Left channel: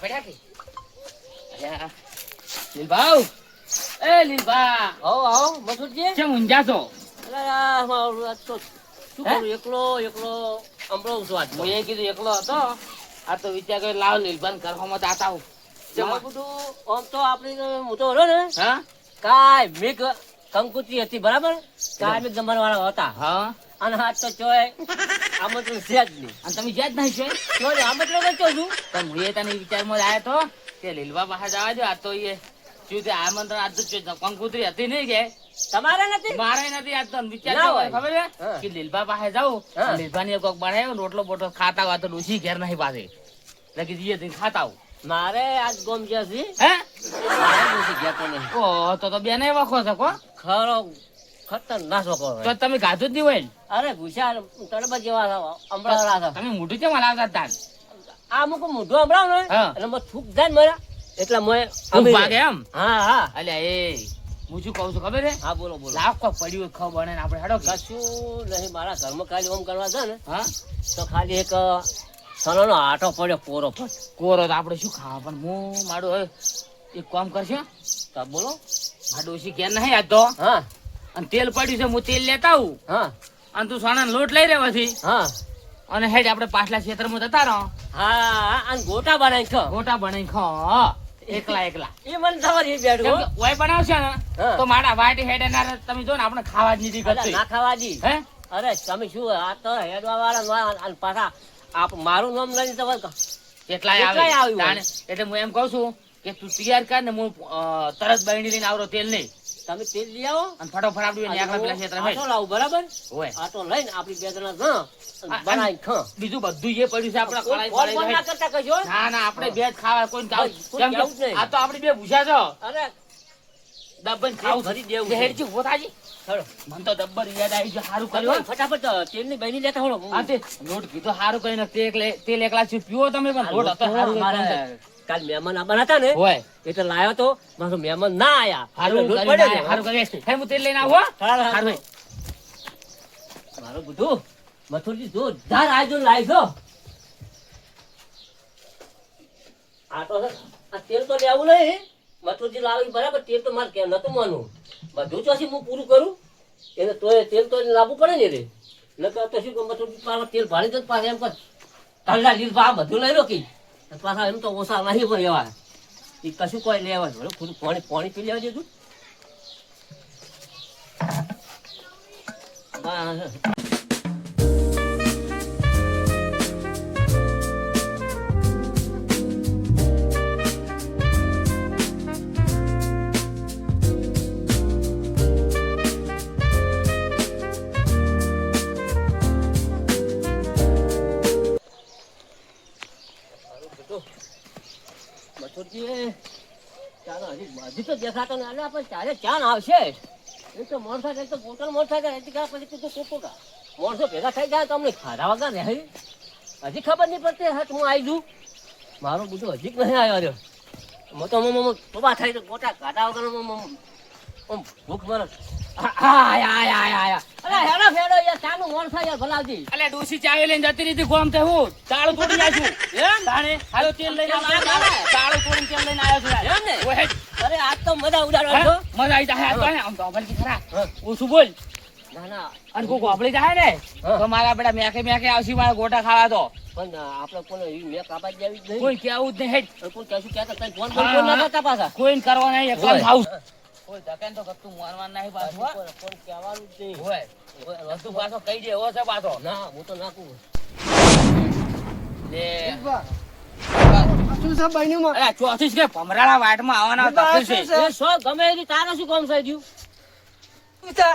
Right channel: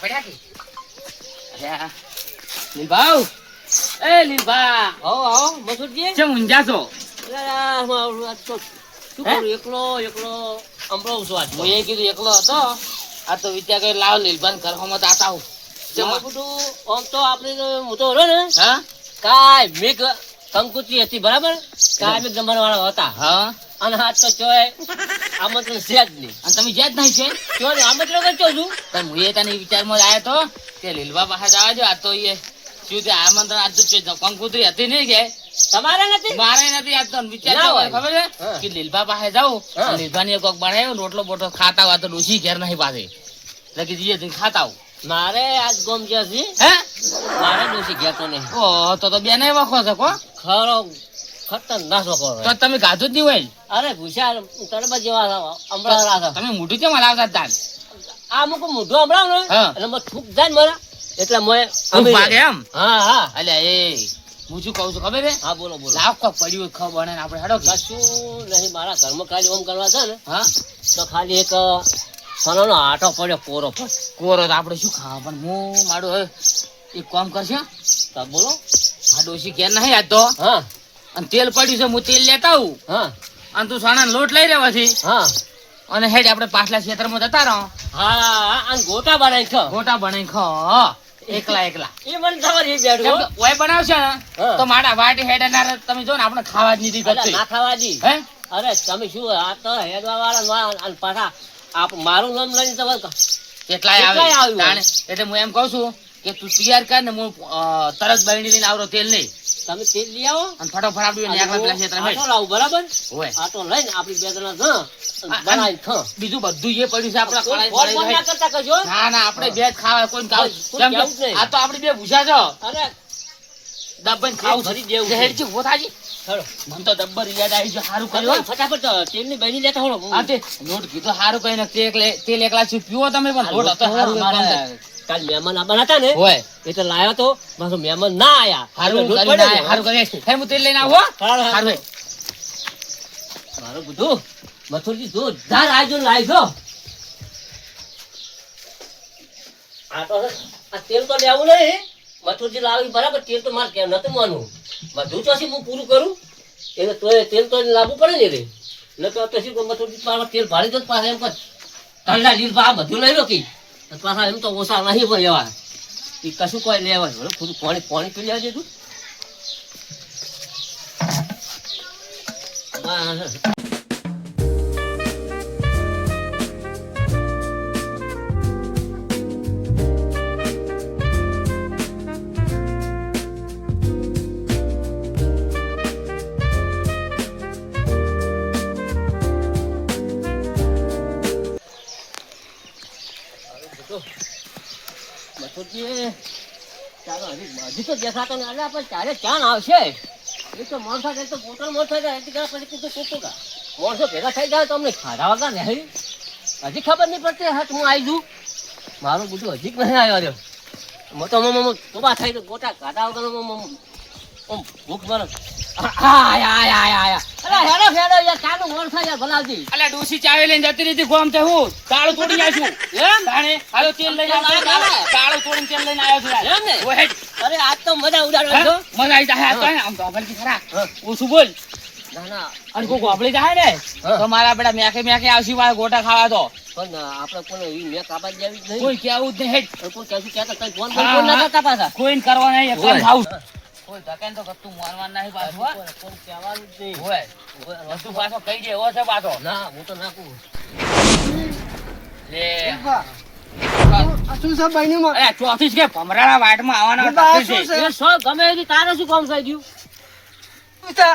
ખાવા પડ્યા કે અરે લીલભાઉ એ લીલભા આવો મસુદજી કેમ ઊંઝા છો શું કરું એકલો અંબળો છું આજ હું એ કીધું એકલો હતો આ તો વિચાર કરી લાવ લીલભાઈ ઘરમાં તો આતા હું બધું આમ તો આપણે હું તો હતો ને હા કાંઈ મેઘ કંકુત્રી હતી બરાબર કાંઈ મેઘ જમવા વાળા હતા હા અને હાથ તો ચોય આમંત્રણ છે જ નહીં અને તમે જ્યાં જ નહીં છે ચોય આમંત્રણ કરતો છું પણ હું એ તને વિચારમાં આવ્યો તો કે લીલભા પાસે જવા જો આ તો એ શું તે આમંત્રણ આજ તો કંકુત્રી હતી નહીં કે તમારે નથી મારે નથી આજ તો વિચાર ના હોય. ખબર છે હા. કે લીલભા પાસે જાઉં હા. લીલભા ને કોક બનાવ્યો રોટલો બોટલો ખાતા હોય તો ડોસી ઘેર નહીં પાસે લખી જઈએ જઈને ખાતા આવું મારે આજ ગોમ જે છે હે મારે ડોસી ઘેરતો નહીં ઓ તો બેને વખો છો કો ખરો ખતરનાક લોકો તો તમે ગાધું જ નહીં હોય ને? અરે ભૂષા તરબત જેવા અંબળા હતા તમે મોઢું કેમ હલાવતા તાન આ મુક મોઢું અંબળાવ ને હા. એટલે મને થૂક જાય ને મારા એટલે મેં તું ભાગે એમ હા અલ્યા એ હું શું કહું છું ખબર છે હા બોલો લાવ કોક પડ્યું હોય ખબર બને ને આપણે હેડો કે? કશું નહીં મારા ઘરમાં ખાલી ઓમ કરવા છે ને હા તો ખાલી એક સોનાનો આટો પડ્યો કોરો પર કોરો તો આપણે શું ખાવા પણ હું મારું હવે એક કામ કરશે તો બોલો આ ડોસી ઘેર નહીં આજ તો હા અને તેલ પડ્યું છે હું તેલ લેતા આવું હા અને તું સાણાનો લોટ લઈ રહેવાથી હા અને હેડ આપણે પાછલા ક્ષેત્રમાં જતા રહો હા અને ગોટા બનાવી ખા ગોટા બનાવી ખો એકલા એ મને ખબર છે કેમ બેઠો કે ઓય બનાવશે ને હા. તો મારા વાટી હેડ તમે જો ને આપણે ખાવા જ નથી કરતી ના ખાવા દી હે અરે તમે શું આ તો હેડવા વાળા અને પાછા આપ મારું નામ લઈને તમે એટલાય એટલાય આવે આવ્યું. તાણે. એટલે હું એમ કહું છું કે તું તૈયાર કર ને હું તરત બરણી લઈને આવરો તેલ નહીં તમે તેલ લઈ આવો અને ફટાફટ આપણી એકલા પેલા ક્ષેત્રમાં આટો લાવું બરાબર હોય આટો લઈને આપણી બે જણા જ બનાવી ખા બીજું બધું જે પડ્યું છે આપણે કળાઈ ફોન બળાઈ ના કરતા કજો ના ના આપણે બે જ ખાવા કોઈ ખાવ કોઈ કેમ કે ખાવું જ નહીં. આ તો આપણી બે ભૂસા છો અરે દબ્બન ખાવું ભરી દેવું છે. હેડજી હોતાજી ખરો મને તો દબ્બર યાદ આવી ગયું સારું કર્યું હો. ફટાફટ તેલની બહેની લેતા હોળો આ તે લોટ કીધો સારું કઈ નથી તેલ એકલા શું પીવો તમે પણ લોટ હતો સારું અમારે કાલ મહેમાન આવવાના હતા ને હોય એટલે લાયો તો પાછો મહેમાન ના આયા સારું એટલે કરીને લોટ આય, સારું કરે હે હું તેલ લઈને આવું હો. સારું, સારું. સારું મારું બધું મથુરજી જોરદાર આજો લાવજો આ તો આ તેલ તો લેવું નહીં મથુરજી લાવી બરાબર તેલ તો મારે કેમ નતું માનવું બધું ચોથી હું પૂરું કરું એટલે તો તેલ તો લાવવું પડે ને રે નકર તો શું મથુરજી પાછા તેલ ભાડી દો પાછા એમ કર તલ્લા લીલ આ બધું લઈ લો કી પાછા એમ તો ઓછા નહીં પણ લેવા એ કશું કોઈ લેવા બરાબર ખુદ પાણી પી લેવા દીધું બસ મથુરજી ચાલો હજી તો દેખાતો ને અલ્યા પણ ચારે ચાન આવશે એ તો માણસો તો પોતાનો માણસો પછી કીધું કોકો કા માણસો ભેગા થઈ જાય તો અમને ખાધા વગર રહે હજી ખબર નહીં પડતી હા હું આવી જઉં મારું બધું હજી નહીં આવ્યો રહ્યો મોટો તોબા થઈ તો ગોટા ખાધા વગર ભૂખ મારો અરે હેડો યાર ચાનું માણસો યાર ભલાવજી અલ્યા ડોસી ચાવે લઈને જતી રહી ગોમ તે હું તાળું તોડી નાખ્યું એમ તાણે હાલો તેલ લઈને આવ્યો તાળું તોડીને તેલ લઈને આવ્યો છું એમ ને ઓય હેડ. અરે આજ તો મજા ઉડાડવા છો મજા આવી જાય આ તો આમ તો અભલ કી ખરા હા. ઓછું બોલ ના ના અને કોક વાપરી જાય ને હા. તો મારા બેટા મેકે આવશે મારા ગોટા ખાવા તો પણ આપણે કોને એવી મેં કાપા જેવી જ નહીં કોઈ કેવું જ નહીં હેડ. કોઈ કહેશું કહેતા કઈ ફોન હા, ફોન ના હા. કરતા પાછા કોઈને કરવા નહીં એકલા હોય. ખાવું કોઈ ધકેન તો કતું મારવાનું નહીં પાછું હો. કોણ કહેવાનું જ નહીં હોય વસ્તુ પાછો કઈ દે એવો છે પાછો ના હું તો નાખું લે શું છે બહેનીમાં? અરે ચોથી કે ભમરાળા વાટમાં આવવાના બાબા, તકલીફ શું છે. છે? એ સો ગમે એની તારે શું કામ થઈ ગયું શું છે?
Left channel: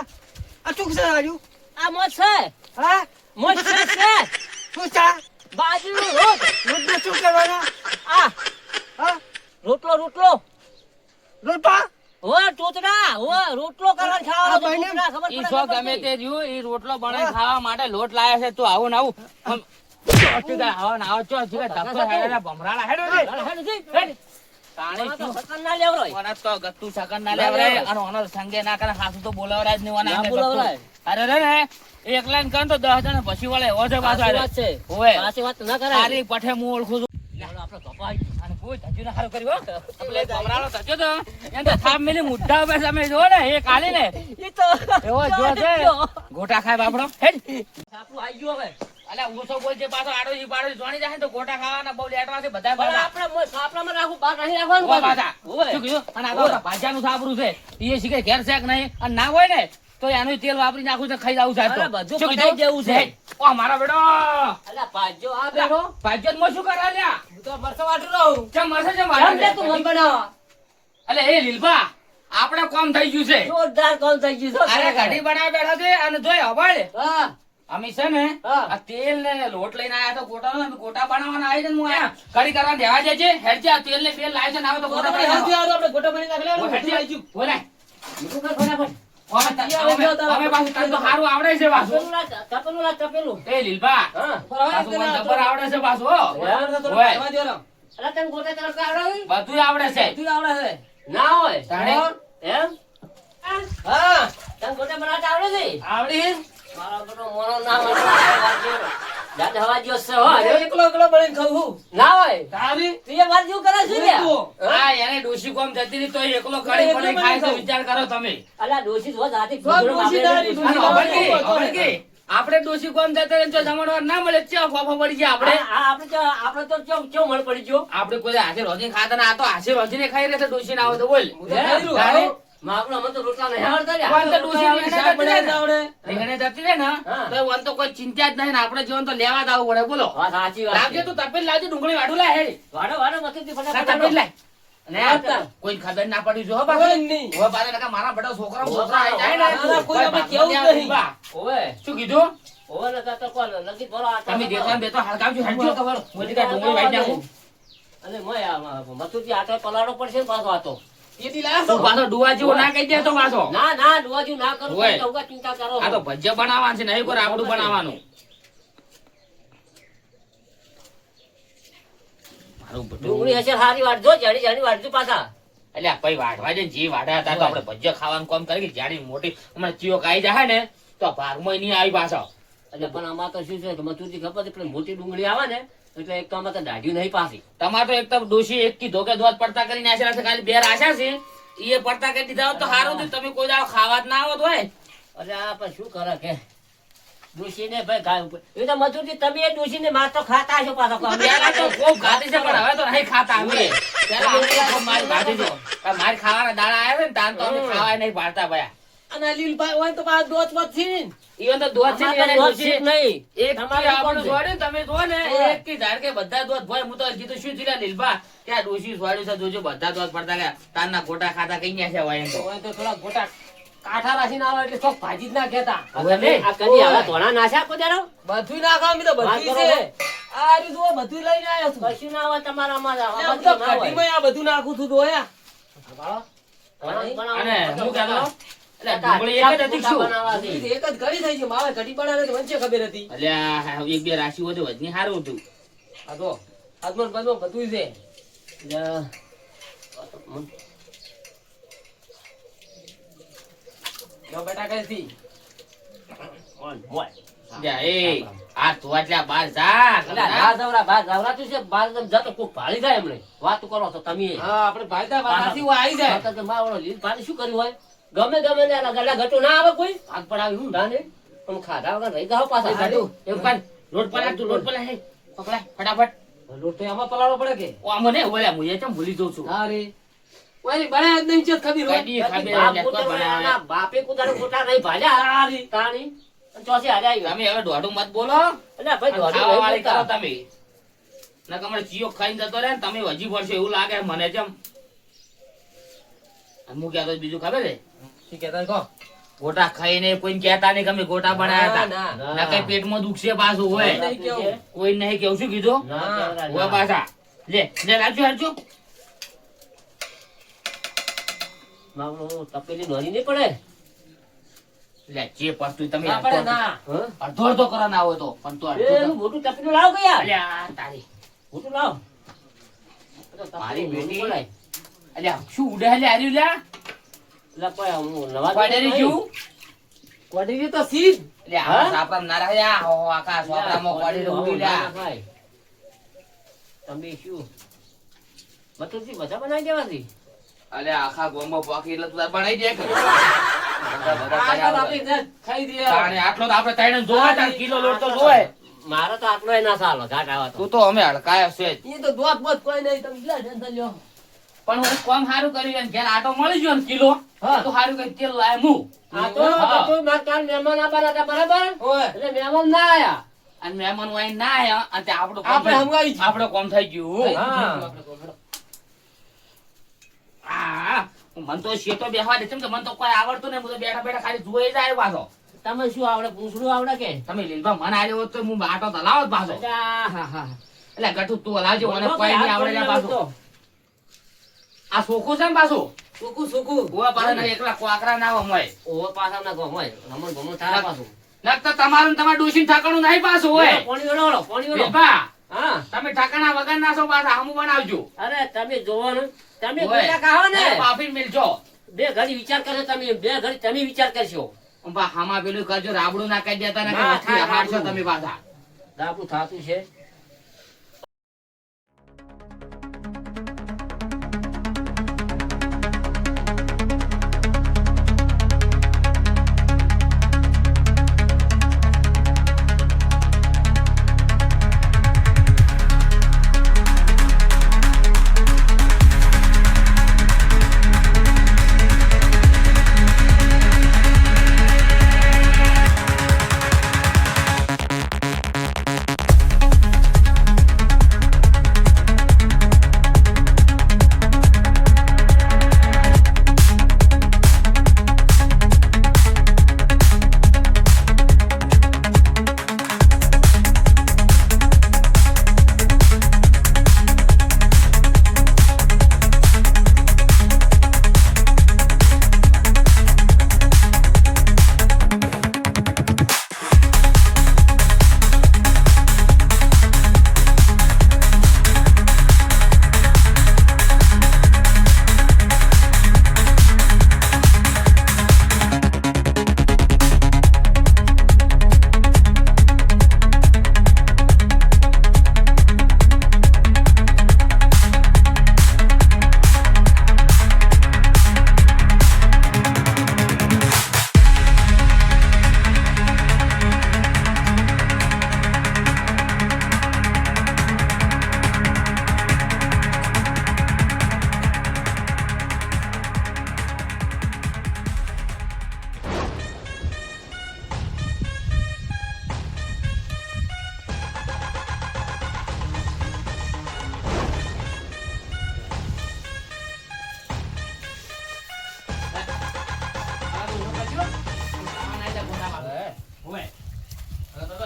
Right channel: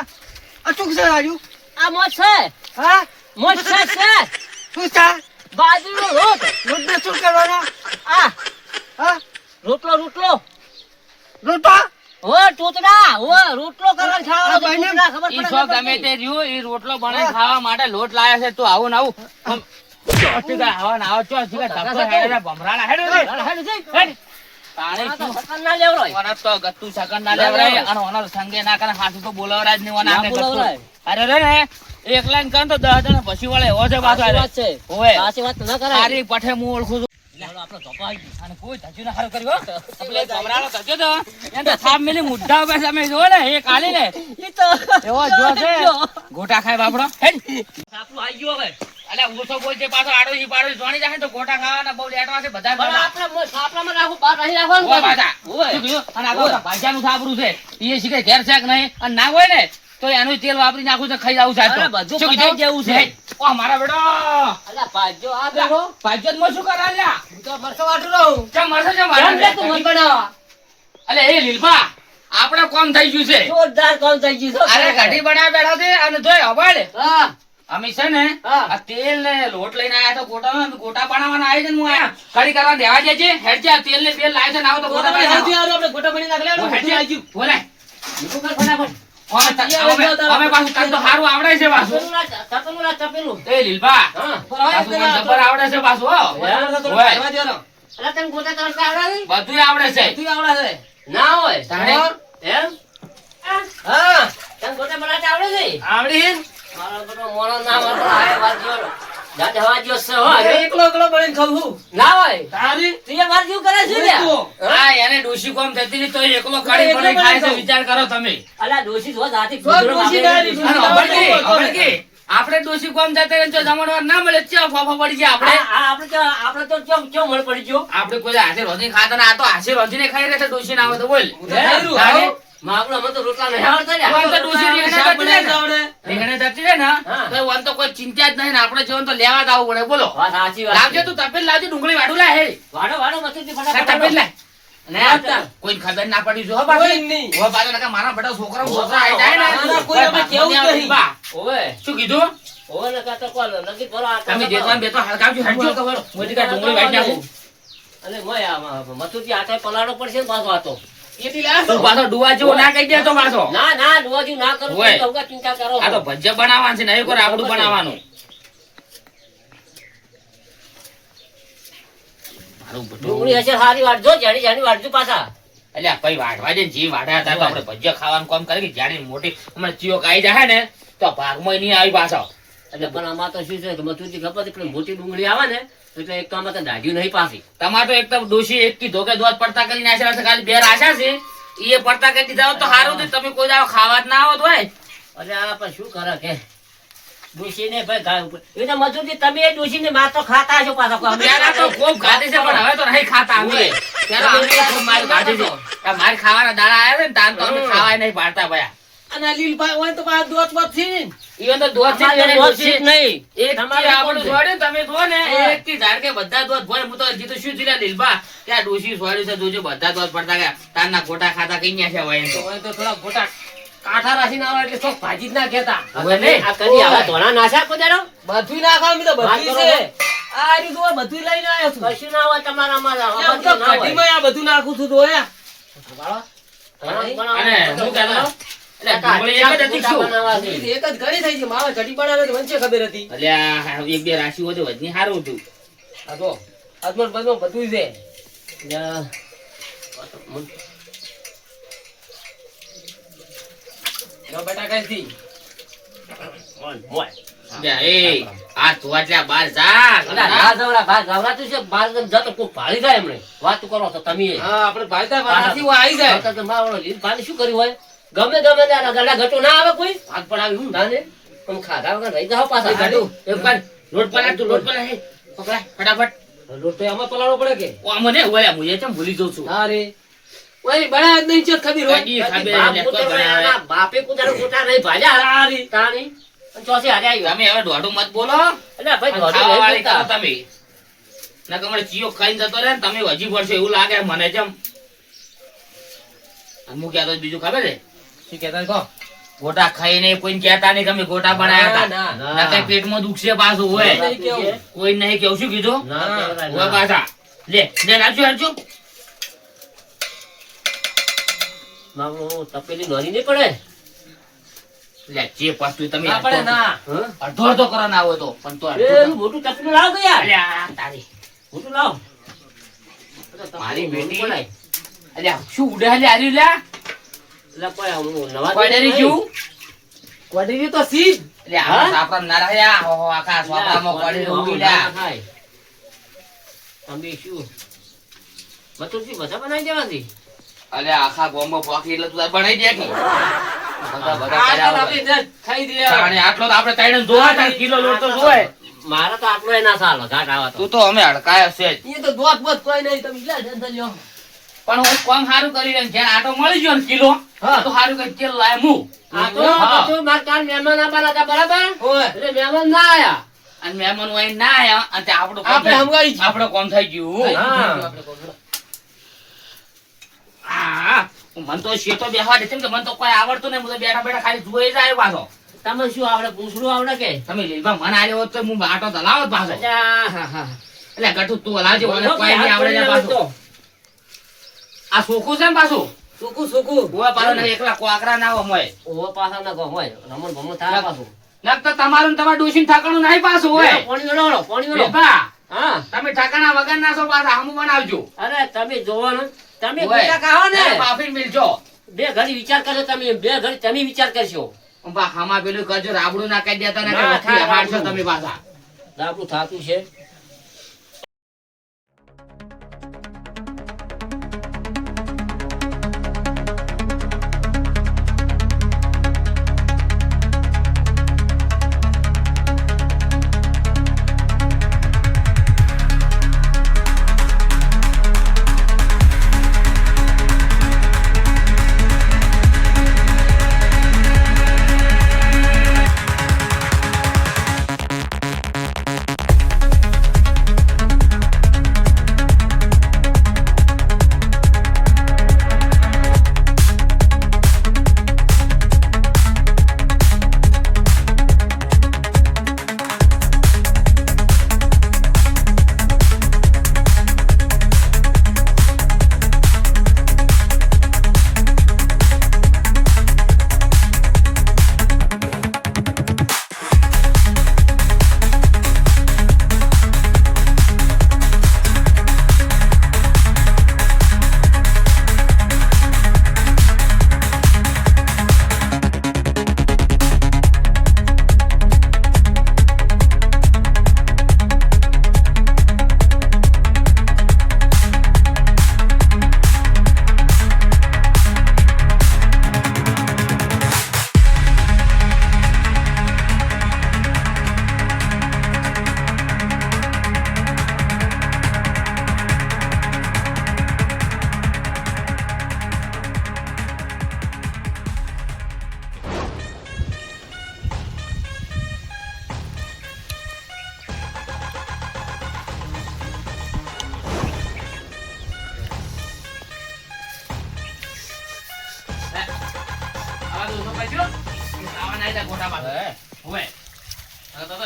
આ શું છે આજુ? આ મોજ છે હા? મોજ છે શું છે? બાજરીનો રોટ રોટને શું કરવાના? આ હા? રોટલો રોટો? હો ટોતડા હો રોટલો કરવા આ ખાવાનો ભાઈને ટોતડા ખબર ઈ પડે સો ખબર ગમે પડે. તે રહ્યું ઈ રોટલો બનાવી ખાવા માટે લોટ લાયા છે તું આવું ને આવું આમ ચોથી કે આવા ને આવા ચોથી કે ધક્કો હેડે ભમરાળા હેડે રે. હાલે, હાલે, જઈ. હેડ. તાણે આ તો શું? સકન ના લેવરોય. ઓના તો ગત્તુ સકન ના લેવરાય અને ઓનો સંગે ના કરે હાથું તો બોલાવરાય જ નહીં ઓના ના આંગે ગત્તુ. બોલાવરાય. અરે રે ને એકલા ને કરે તો 10 જણા પછી વાળે એવો છે પાછો સાચી અરે. વાત છે હોય. સાચી વાત ના કરાય તારી પઠે હું ઓળખું છું ચાલો આપણો ધોકો આવી ગયો. અને કોઈ ધજ્યું ના હારું કર્યું હો. આપણે એક ભમરાળો ધજ્યો તો, એને તો થાપ મેલી મુઢ્ઠા ઉપર તમે જુઓ ને, એ કાઢી લે. એવો જો છે. ગોટા ખાય બાપડો. હેડ. આપણું આવી ગયું હવે. અલ્યા ઓછો બોલ છે પાછો આડોશી પાડોશી જોણી જાય ને તો ગોટા ખાવાના બહુ લેટવા છે બધા પણ આપણામાં રાખવું, બહાર નહીં રાખવાનું ઓય પાછું. પાછા. ઓય. શું કીધું? અને આ તો ભાજ્યાનું થાબરું છે. ઈ શીખે ઘેર છે કે નહીં, અને ના હોય ને તો એનું તેલ વાપરી નાખું છે, ખાઈ જાવું છે આજ તો. અરે બધું શું પતાઈ કીધું? જેવું છે. ઓ મારા બેટો અલ્યા ભાજ્યો આ બેઠો. ભાજ્યતમાં શું કરા લ્યા? હું તો મરસો વાટું રહું. ચમ મળશે ચમ કેમ લે તું વાળા? મન બનાવવા? અલે એ લીલબા આપણે કોમ થઈ ગયું છે. જોરદાર કામ થઈ ગયું છે. અરે કઢી બનાવી બેઠા છે અને જોય હવાડ હા. અમે છે ને હા. આ તેલ ને લોટ લઈને આયા તો ગોટા બનાવવાના આવ્યા છે ને હું આયા કઢી કરવા દેવા દેજે હેડ જા તેલ ને તેલ લાવે છે ને આવો તો ગોટા આપણે બનાવી આપણે ગોટા બની નાખ લે. નાખો. હેડ જા. બોલે મીઠું કર ફટાફટ. અમે પાછું તને તો સારું આવડે છે પાછું. તપેલું રાખ, તપેલું. એ લીલબા હા. પાછું મને જબર આવડે છે પાછું હો. ઓય. અલા તને ગોટા તરતા આવડે છે? બધું આવડે છે. બધું આવડે છે. ના હોય. તાણે? એમ? હા. તને ગોટા બનાવતા આવડે છે? આવડી મારો બેટો મોણો ના હોય તો આ વારજો. દાદ હવાજો છે હો. એકલો એકલો બળીને ખાવું છું. ના હોય. તારી તું એ વારજો કરે છે લ્યા. હા એને ડોશી કોમ થતી નહીં તો એકલો કઢી પડી ખાય છે વિચાર કરો તમે. અલા ડોશી જો જાતી ડોશી ડાળી, અને અભડકી, આપણે ડોશી કોમ જતા રહીને તો જમણવાર ના મળે ચા ફાફા પડી ગયા આપણે. આપણે તો કેમ મળ પડી ગયો. આપણે કોઈ હાથે રોજી ખાતા ને આ તો હાથે રોજીને ખાઈ રહ્યા છે ડોશી ના આવે તો બોલ. ખાઈ તારે? માગલો અમે તો રોટલા નહીં આવડતા લ્યા. કોણ તો ડોશી રીંગણા શાક જતી રહે ને? બનાવતા આવડે. રીંગણા જતી રહે ને હા. તો ઓન તો કોઈ ચિંતા જ નહીં ને આપણે જીવન તો લેવા જ આવવું પડે બોલો. વાત સાચી વાત લાવજે છે. તું તપેલ લાવજે ડુંગળી વાડું લાય હેડ. વાડો વાડો મથુરજી ફટાફટ તપેલ લાય. અને વાડતા. કોઈ ખબર ના પડી જો હો કોઈ બાકી. નહીં. હો બાકી નકર મારા બેટા છોકરા ઓય, છોકરા આઈ જાય ના, ના, ને કોઈ અમે કેવું જ નહીં. બા. ઓવે શું કીધું? ઓવે નકા તો કોલ નકી કરો આ તમે દેતો બેતો હલકાવજો હેડજો ખબર મોટી કા ડુંગળી વાડી નાખું. અને મોય આ મથુરજી આટે પલાળો પડશે ને પાછો આતો. એથી લાવ. તું પાછો ડુવા જેવો ના કહી દે તો પાછો. ના ના ડુવાજી ના કરું ઓય. તો કહું ચિંતા કરો. આ તો ભજીયા બનાવવાનું છે નહીં કોઈ રાબડું બનાવવાનું. મારું બધું. ડુંગળી હશે હારી વાટજો જાડી જાડી વાટજો પાછા. અલ્યા ભાઈ વાઢવા દે ને જે વાઢ્યા હતા તો આપણે ભજીયા ખાવાનું કામ કરી કે જાડી મોટી હમણાં ચિયોક આઈ જાય ને તો ભાગમાં નહીં આવી પાછો. એટલે પણ આમાં તો શું છે કે મથુરજી ખબર છે કે મોટી ડુંગળી આવે ને એટલે એક તો આમાં તો દાઢ્યું નહીં પાછી. તમારે તો એક તો ડોશી એક કી ધોકે દોત પડતા કરીને આશા છે ખાલી બે આશા છે એ પડતા કરી દીધા હોત તો સારું હતું. તમે કોઈ દાડો ખાવા જ ના આવત હોય. અરે આ પણ શું કરે કે ડોશીને ભાઈ ગાય ઉપર એ તો મથુરજી તમે એ ડોશીને માર તો ખાતા હશો પાછા. પહેલા તો ખૂબ ખાધી છે પણ હવે તો નહીં ખાતા અમે. પહેલા અમે ખૂબ માર ખાધી છે. આ માર ખાવાના દાડા આવ્યા છે ને તાન તો અમે ખાવાય નહીં પાડતા ભયા. અને આ લીલભાઈ હોય તો પાછા દોત વોત થી ને. ઈવન તો દોત છે ને એને ડોશી જ નહીં. એક તમારે થી આપણું કોણ છે? છોડ્યું તમે જુઓ ને હા. એક થી ધાર કે બધા દોત ભોય હું તો હજી તો શું થયું લીલબા કે આ ડોશી છોડ્યું છે જોજો બધા દોત પડતા ગયા તારના ગોટા ખાતા કઈ ગયા છે હોય એમ તો. હોય તો થોડા ગોટા કાંઠા રાખીને આવે એટલે ચોક ભાજી જ ના કહેતા. હવે નહીં. આ કરી આવા ધોળા નાશા કોદારો? બધુંય ના ખાવ મેં તો વાત બધુંય કરો. છે. આ રીત હોય બધુંય લઈને આવ્યો છું. કશું ના હોય તમારામાં. લે, આમાં હું તો બધું ના હોય. કઢીમાંય આ બધું નાખું છું તો હે. અને હું કહેતો એટલે ડુંગળી એક જ હતી શું? બનાવવા છે. એક જ ઘડી થઈ છે મારે કઢી બનાવે તો મને છે ખબર હતી. અલ્યા એક બે રાશિ હોય તો વધની સારું હતું. આ તો આજમાં બધું બધું છે. યા. જો બેટા કઈ થી મોય. અલ્યા, એ આ તું આટલા બાર જા અલા, ના જવરા, બહાર જવરાતું છે, બહાર તમે જતો કોક ભાળી જાય એમણે. વાત કરો છો તમે. હા આપણે ભાઈતા પાછાથી હું આવી જાય. તો મારો લીલભાઈને શું કર્યું હોય? ગમે ગમે ને ગળા ઘટો ના આવે કોઈ હાથ પડાવી હું તાને પણ ખાધા વગર રહી જાવ પાછા. ગાડું એક વાર લોટ પલાટ તું લોટ પલાટ હે પકડા ફટાફટ. લોટ તો આમાં પલાળવો પડે કે ઓ મને ઓલા હું એ ચમ ભૂલી જઉં છું. હા રે ઓય બનાવ્યા જ નહીં છે ખબર હોય. કદી ખબર બાપ એટલે પોતે કોઈ બનાવે. એના બાપે કુદારો ગોટા નહીં ભાલ્યા. સારી. તાણી. અને ચોથી હારે આવ્યો. તમે હવે દોઢું મત બોલો અલ્યા ભાઈ અને દોઢું ખાવા નહીં વાળી કરો બોલતા. તમે નકર મને ચિયો ખાઈને જતો રહે ને તમે હજી પડશો એવું લાગે મને જેમ. હું કહેતો બીજું ખબર છે શું કહેતા કહો. ગોટા ખાઈને કોઈને કહેતા નહીં કે અમે ગોટા બનાવ્યા ના, હતા. ના. નકર પેટમાં દુખશે પાછું હોય. નહીં કેવું. કોઈ નહીં કેવું શું કીધું ના કહેવાય, હોય ના. પાછા લે લે રાખજો રાખજો. મામલો તપેલી નોરી નહીં પડે. લે જે પાછું તમે ના પડે ના. હં? અડધો અડધો કરવા ના હોય તો પણ તો એ અડધો એનું મોટું તપેલું લાવ કે યાર. અલ્યા તારી મોટું લાવ. મારી બેટી. પડાય. અલ્યા શું ઉડે હલે આર્યું લ્યા એટલે કોઈ આમ નવા કોડેરી જેવું કોડેરી તો સીધ. એટલે આ સાપરામ ના રહ્યા હો આખા સાપરામાં કોડેરી ઉડી લ્યા. તમે શું મથુરજી બધા બનાવી દેવાથી અલે આખા ગોમો પાકી એટલે તું બનાવી દે કે બધા બધા આ કર્યા તો હોય. આપી દે, ખાઈ દે. તાણે આટલો તો આપણે ત્રણે જોવા તાણ કિલો લોટ તો જોવે. મારે તો આટલો ના ચાલે ઘાટ આવા તો તું તો અમે હડકાયા છે જ. ઈ તો દોત બોત કોઈ નહીં, તમે લે ટેન્શન લ્યો. પણ હું કોમ સારું કરી રહ્યો ઘેર આટો મળી ગયો ને કિલો હા. તો સારું કઈ તેલ લાય હું આ તો હા. બધું મારે કાલ મહેમાન આવવાના હતા બરાબર ઓય. એટલે મહેમાન ના આયા અને મહેમાન હોય ના આયા અને તે આપણું કામ આપણે થઈ- હમગાઈ ગયું. આપણું કામ થઈ ગયું હા. હા મને તો શેતો બેહવા દે કેમ કે મને તો કોઈ આવડતું નહીં. હું તો બેઠા બેઠા ખાલી જોઈ જાય પાછો. તમે શું આવડે પૂછડું આવડે કે તમે લીલભા મને આલ્યો હોત તો હું આટો તો લાવત પાછો. અચ્છા, હા, હા. એટલે ગઠું તું હલાવજે મને બોલો, કોઈ નહીં હાથ આવડે પડી જા જાય પાછું. તો. આ સોખું છે ને પાછું સૂકું સૂકું. ઓવા પાછા નહીં એકલા કોકરા ના હોય મોય. ઓવો પાછા ના ગો હોય રમણ ભમણ થાય પાછું નક તો તમારું ને તમારા ડોશીને ઠાકાણું નહીં પાછું હોય. પાણી વેળો પાણી વેળો લીલભા, હા તમે ઠાકાણા વગર ના છો પાછા હમું બનાવજો. અરે તમે જોવો ને તમે હોય. ગોટા ખાઓ ને તમે બાફીને મિલજો. બે ઘડી વિચાર કરો તમે બે ઘડી તમે વિચાર કરશો બા હામાં પેલું કરજો રાબડું ના કહી દેતા ને કે ના, વખતી ના, હારશો રાબડું. તમે પાછા. આપણું થાતું છે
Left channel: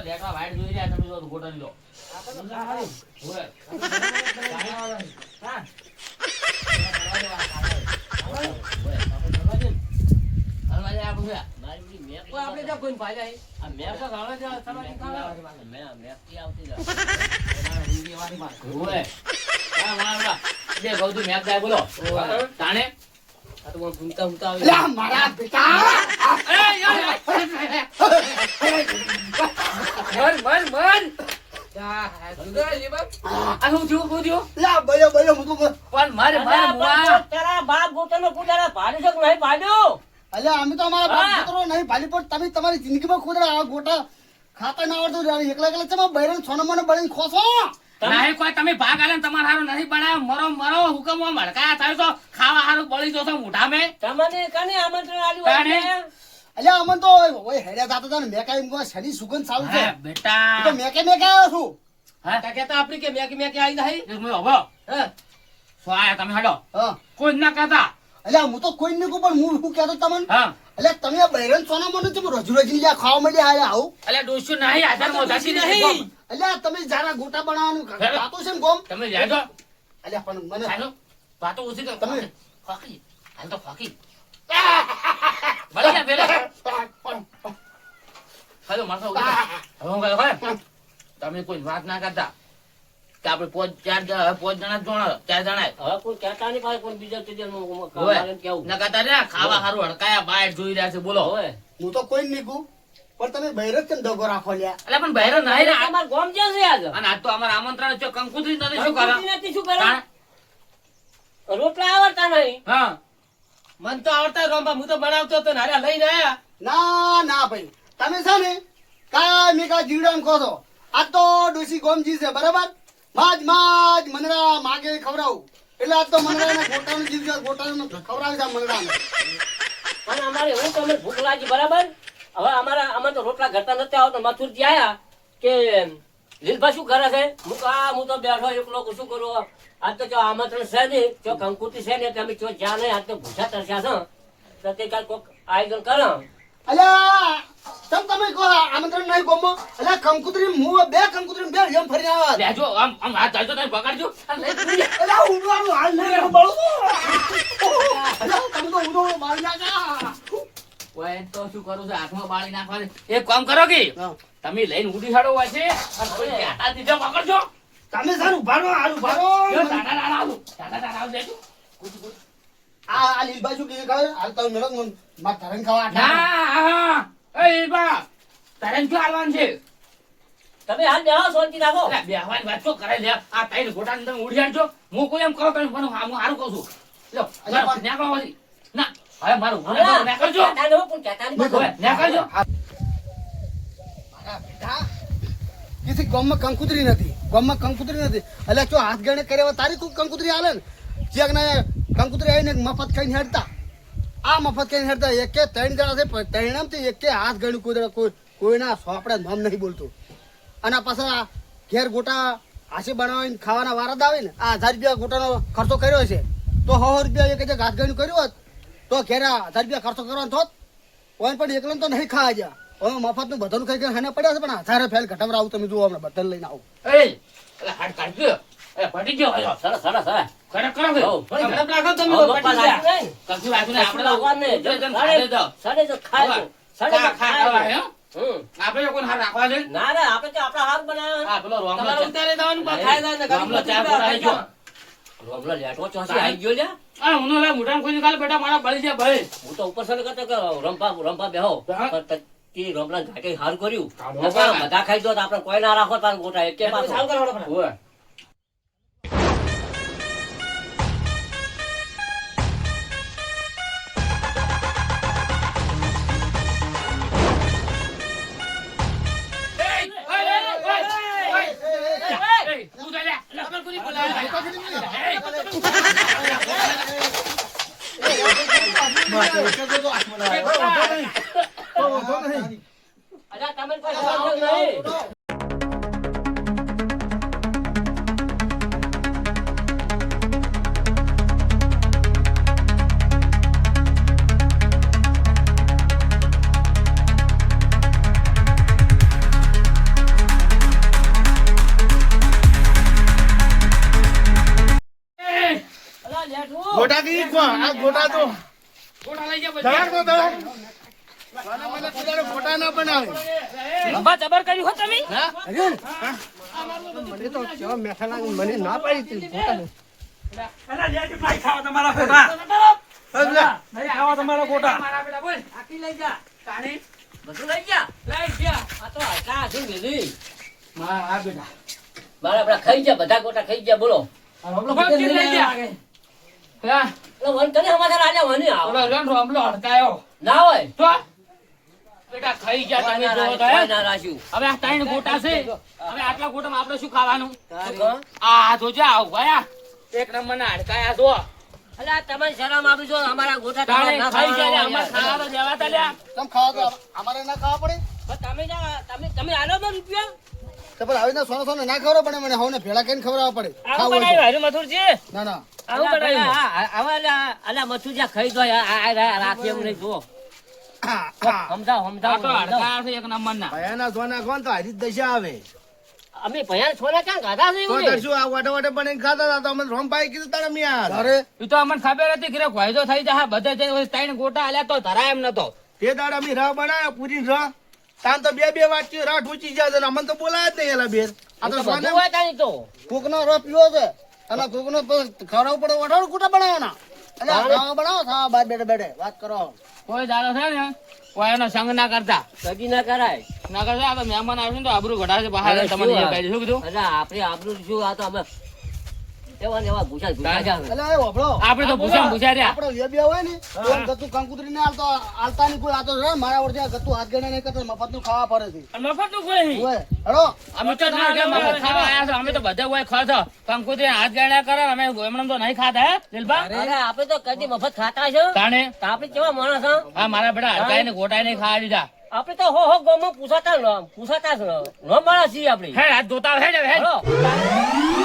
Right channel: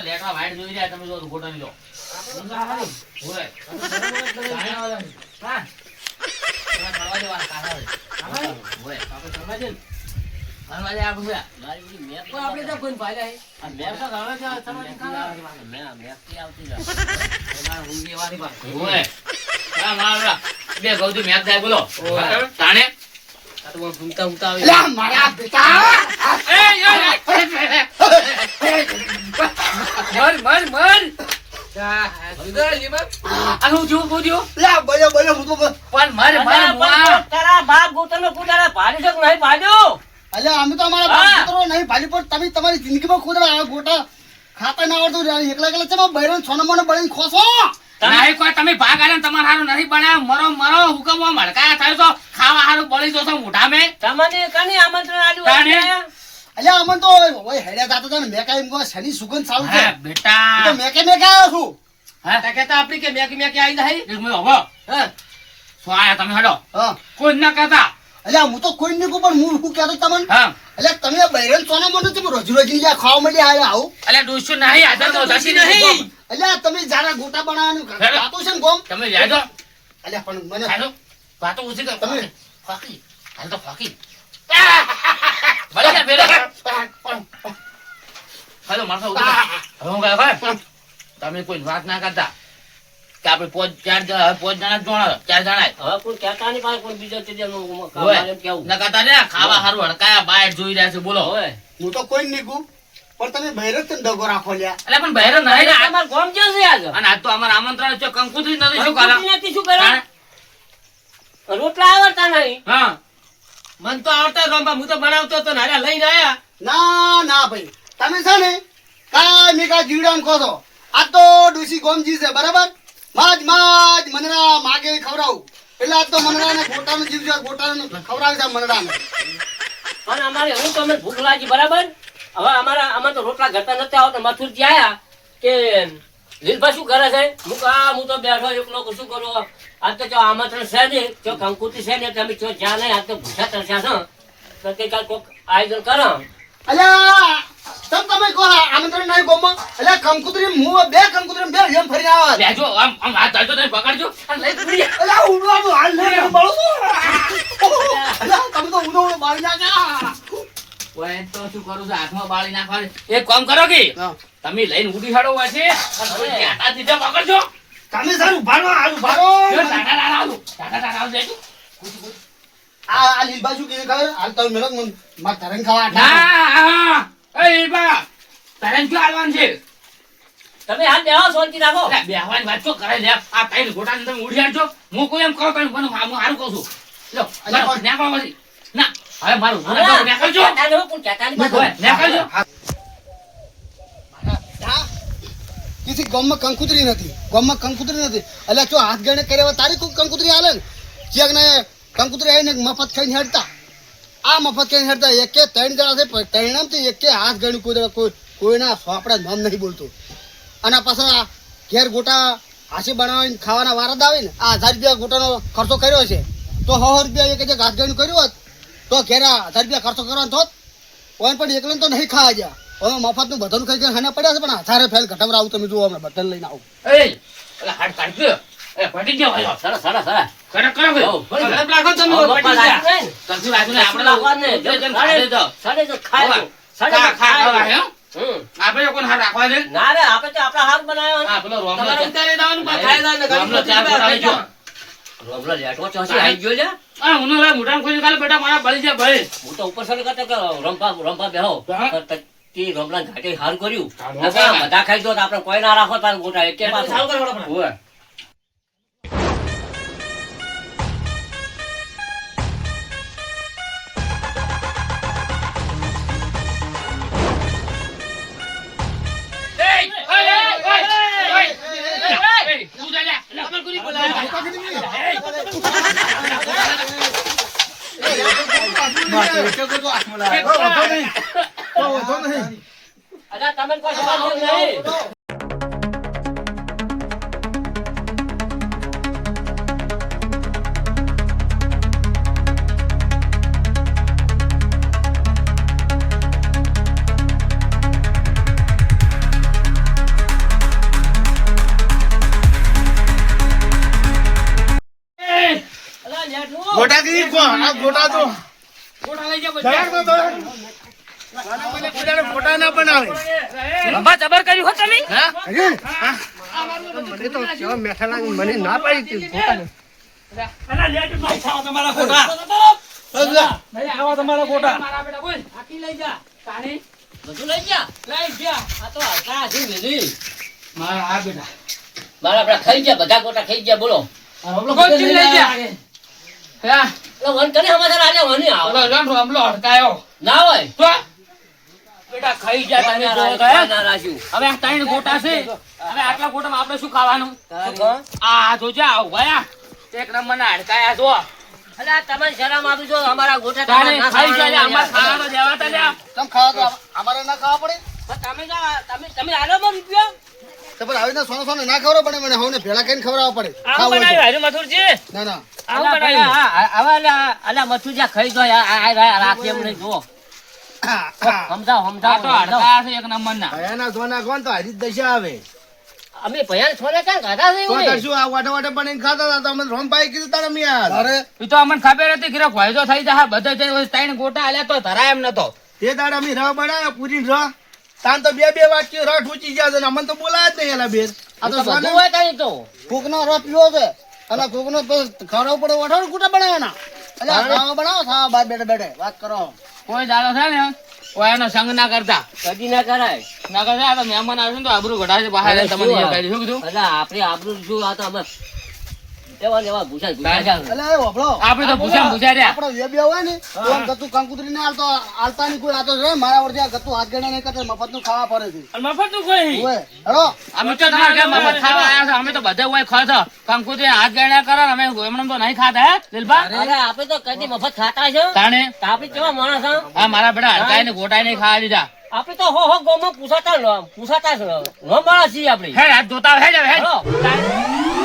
લેટવા વાઈટ જોઈ રહ્યા તમે જો ગોટો લીધો. હોય. હા. હોય. હરવા દે આ ભૂયા. તો આપણે તો કોઈ ફાયદા હે. આ મેં તો ગણો છે તમારી ખાવા મેં થી આવતી જાય હોય. હા, મારા બે ગૌજી મેચ જાય બોલો. તાણે આ તો બહુ ઘૂમતા ઘૂમતા આવે. લા મારા બેટા મર મર મર. સુધર જીવન. આ શું થયું શું થયું લા બયો બયો હું તો પણ મારે મારે મુઆ તારા બાપ ગોતનો કુદારા પાડી શક નહીં પાડ્યો અલ્યા અમે તો અમારા હા. બાપ પુત્રો નહીં ભાલી પણ તમે તમારી જિંદગીમાં ખુદ આ ગોટા ખાતા ના આવડતું એકલા એકલા ચમા બૈરન સોનામાં બળીને ખોસો નહીં કોઈ તમે ભાગ આલે ને તમારે હારું નથી બનાવ્યો મરો મરો હુકમ મળકાયા થાય તો ખાવા હારું બળી જશો મોઢા મેં તમને કને આમંત્રણ આલ્યું તાણે? હોય? અલ્યા અમન તો ઓય હેડ્યા જાતા હતા ને મેં કાંઈ એમ શનિ સુગંધ ચાલુ છે હા હું તો બેટા મેકે આવ્યો છું હા તા કહેતા આપણી કે મેકી મેકી આવી જાય. એક મિનિટ ઉભો. હા. શું આયા તમે હડો હા કોઈ જ ના કહેતા અલ્યા હું તો કોઈ નહીં પણ હું શું કહેતો તમને હા અલ્યા તમે આ બૈરન સોનામાં નથી રોજ રોજ ખાવા માંડી આયા આવું અલ્યા ડોસ્યું નહીં હાજર નો દસી નહીં. નહીં અલ્યા તમે જારા ગોટા બનાવવાનું હેડો. ખાતું છે ને ગોમ તમે લેજો અલ્યા પણ મને હાલો વાતો ઓછી કર તમે- ફાકી હાલ તો ફાકી ભલે જા બેરે હાલો મારસો ઉતર હવે હું કહે તમે કોઈ વાત ના કરતા કે આપણે પોચ ચાર જણા જોણા ચાર જણા હવે કોઈ કહેતા નહીં પાછું કોઈ બીજા ત્રીજા નું કામ હોય. આવે એમ કેવું ના કરતા ને ખાવા હારું હડકાયા બાય જોઈ રહ્યા છે બોલો હોય હું તો કોઈ નહીં કહું પણ તમે બહેરો કેમ દગો રાખો લ્યા? એટલે પણ બહેરો નહીં ને આ- તમારું ગામ ક્યાં છે આજ? અને આજ તો અમારે આમંત્રણ છે કંકુત્રી નથી શું કરે કંકુતરી નથી શું કરે? હા? રોટલા આવડતા નહીં. હા મન તો આવડતા રોંબા હું તો બનાવતો તો નાર્યા લઈને આયા. ના ના ભાઈ તમે છે ને કાંઈ કા જીવડાને કહો છો. આ તો ડોશી ગોમજી છે બરાબર. માજ મનડા માગે ખવડાવું એટલે આ તો મનડાને ગોટાનો જીવ છે. ગોટાનો ખવડાવી છે મનડાને. પણ અમારે હવે તો અમે ભૂખ લાગી બરાબર. હવે અમારે તો રોટલા ઘરતા નથી આવતા. મથુરજી આયા કે લીલભા શું કરે છે? હું તો બેઠો એકલો શું કરું? આજ તો જો આમંત્રણ છે નહીં, જો કંકુતરી છે ને તમે જો જ્યાં નહીં, આજ તો ભૂખ્યા તરસ્યા છે તો કે કાંઈ કોક આયોજન કરો. અલ્યા તમે કહો આમંત્રણ નહીં ગોમમાં. અલ્યા કંકુતરી હું બે કંકુતરી બે જેમ ફરી આવા. લેજો આમ હાથ ધરજો તમે પકડજો અને લઈ ફરી અલ્યા ઉડવાનું હાલ નહીં બળો. અલ્યા તમે તો ઉડો મારી નાખા. ઓય તો શું કરું છું હાથમાં બાળી નાખવાનું એક કામ કરો કે હા. તમે લઈને ઉડી હાડો વાસે અને કોઈ ક્યાંટા દીધા પકડજો તમે સારું ભારો હારું ભારો. જો ટાટા ટાટા આવું ટાટા ટાટા આવું દેજો આ લીલબા શું કીધું ખબર? હાલ તમે મેળો માર તરંગ ખાવા ના એ બા તારે શું આવવાનું છે તમે હાથ બેહો, શાંતિ રાખો. એટલે બેહવાની વાત શું કરે લે આ તાઈ ગોટાને તમે ઉડી હાડજો હું કોઈ એમ કહું તમે મને હું હારું કહું છું લો અલ્યા, બરાબર નેકળો પછી ના હવે મારું હવે ગુનાહ નેકળજો કહેતા નહીં હો, કોઈ કહેતા નહીં. ઓય, નેકળજો કિસી ગામમાં કંકુતરી નથી. ગામમાં કંકુતરી નથી. એટલે જો હાથ ગણે કર્યા તારી કોઈ કંકુતરી હાલે ને ચેક ને કંકુતરી આવીને મફત ખાઈને હેડતા. આ મફત ખાઈને હેડતા એકે ત્રણ જણા છે ત્રણથી એકે હાથ ગણ્યું કોઈના સોપડા નામ નહીં બોલતું. અને પાછા ઘેર ગોટા હાસી બનાવીને ખાવાના વારદ આવે ને આ 1000 રૂપિયા ગોટાનો ખર્ચો કર્યો છે તો 100 રૂપિયા એક હાથ ગણ્યું કર્યું હોત તો ઘેર 1000 રૂપિયા ખર્ચો કરવાનો થોત. ઓન પણ એકલો તો નહીં ખાવા ગયા. હવે મફતનું બધાનું ખાઈ ગયા ખાના પડ્યા છે પણ હાથારે ફેલ ઘટામર આવું તમે જુઓ હમણાં બધાને લઈને આવું. એ એટલે હાડ કાઢજો એ પડી ગયો ભાઈ સરસ સરસ સરસ. ખરેખર કરો કે હઉ, ફરી ખરેખર રાખો તમે હવે પડી પપ્પા જાય લાગ્યું નહીં. કશું રાખ્યું નહીં આપણે લાગવાનું નહીં. તો જેમ ખાધે તો સાડે તો ખાય તો. સાડે તો ખા ખા ખાય ખાવા તો. હે હમ. આપણે કોણ હાથ રાખવા છે ના રે આપણે તો આપણા હાથ બનાવ્યા. હા પેલો રોમલો તમારે ઉતારી દેવાનું પાછું ખાઈ જવાનું ને રોમલો ગાડી ચાર ખાઈ ગોટા જાઓ. રોમલો લેટવો ચોસી આવી ગયો લ્યા. આ હું રે મોઢામાં ખોલી કાલ બેટા મારા બળી જાય ભાઈ હું તો ઉપર સર કરતો કે રંપા બેહો હા. તો તે રોમલા ઘાટે હારું કર્યું. કાઢો નકર કાઢો. બધા ખાઈ જો તો આપણે કોઈ ના રાખો તાર ગોટા એકે એટલે પાછો. સારું કરો આપણે. ઓય અલા તમે કોઈ જવાબ નહીં. અલા લેટવું. ગોટા કી આ ગોટા તો ગોટા લઈ જાઓ દળાક તો દળાક. મને કોઈને ગોટા ના બનાવે. લંબા જબર કર્યું હો તમે મને તો કેવા મેઠા લાગે મને ના પાડી હતી ગોટા. અલા લેટ ભાઈ ખાવા તમારા ગોટા નહીં ખાવા તમારા ગોટા મારા બેટા બોલ આકી લઈ જા તાણી બધું લઈ ગયા. લઈ ગયા આ તો હલકા હસી વેલી. મારા આ બેટા મારા આપડા ખાઈ ગયા બધા ગોટા ખાઈ ગયા બોલો. ગોટી લઈ ગયા હે એટલે વન કરે સમાચાર આજે વની આવો. ઓલો લંડો હમલો હડકાયો ના હોય તો બેટા ખાઈ ગયા તમે જો કોઈ ગયા ના રાખ્યું. હવે આ ત્રણ ગોટા છે હવે આટલા ગોટામાં આપણે શું ખાવાનું શું કહો? આ જોજો આવ ગયા એક નંબરના હડકાયા જો અલા તમારી શરમ આવી જો અમારા ગોટા તાણે તમારે ના ખાઈ ગયા ખાવાના અમાર ખાવા દેવા તા લ્યા તમ ખાવા તો અમારે ના ખાવા પડે. પણ તમે આલો માં રૂપિયા તો પણ આવીને સોનો ના ખવડાવવા પડે મને હવે ભેળા કરીને ખવડાવવા પડે. આવું ખાવું હોય બનાવ્યું હારી મથુરજી તો. ના ના આવું બનાવ્યું હવે અલા મથુરિયા ખાઈ જો રાખી એમ નહીં જુઓ. સમજાવ આ તો સમજાવ હડકાયા છે એક નંબરના ભયાના સોના કોણ તો હારી જ દશા આવે અમે ભયાન છોને ક્યાં ખાધા છે તો એવું તાર નહીં? શું આ વાટે વાટે પણ ખાતા હતા તો અમે રોમભાઈ કીધું તારે મેં યાર અરે એ તો અમને ખબર હતી કે ફાયદો થઈ જાય બધા જઈને ત્રણ ગોટા આલ્યા તો ધરાય એમ નતો તે દાડે અમે રહ બનાવ્યા પૂરી રહ તાન તો બે વાટકી રહ ઠૂચી ગયા છે ને અમને તો બોલાય જ નહીં એલા બેર આ તો તો સોને બધું હોય તારી તો. કોકનો રસ પીવો છે અને કોકનો ખવડાવવું પડે વઢાણ કુટા બનાવવાના. અલ્યા ખાવા બનાવો ખાવા બાર બેઠે બેઠે વાત કરો કોઈ દાડો થાય ને કોઈ એનો સંગ ના કરતા કદી ના કરાય. ના કરતા આ તો મહેમાન આવ્યું ને તો આબરૂ ઘટાડે બહાર અરે તમને શું એ કહી શું કીધું એટલે આપણે આબરૂ શું આ તો અમે એવા ને એવા ભૂસા ભૂસા જાવ. અલ્યા એ હોભળો આપણે તો પૂછ્યા રહ્યા આપણો જે બે હોય ને તો આમ ગતું કંકુતરી ને આલતા ની કોઈ આતો રે મારા વડે આ ગતું હાથ ગણે નહીં કરતા મફત નું ખાવા પડે છે અને મફત નું કોઈ નહીં. ઓય હેડો અમે તો ના કે મફત ખાવા આયા છે અમે તો બધા હોય ખાવ છો કંકુતરી હાથ ગણ્યા કરે ને અમે એમને તો નહીં ખાતા હે દિલબા અરે આપણે તો કદી મફત ખાતા છે. તાણે તો આપણે કેવા માણસ હા? હા મારા બેટા હરકાઈ ને ગોટાઈ નહીં ખાવા દીધા આપણે તો હો ગોમાં પૂછાતા જ ન માણસ છીએ આપણે. હે હાથ ધોતા હે જ હે હેડો. તાણે.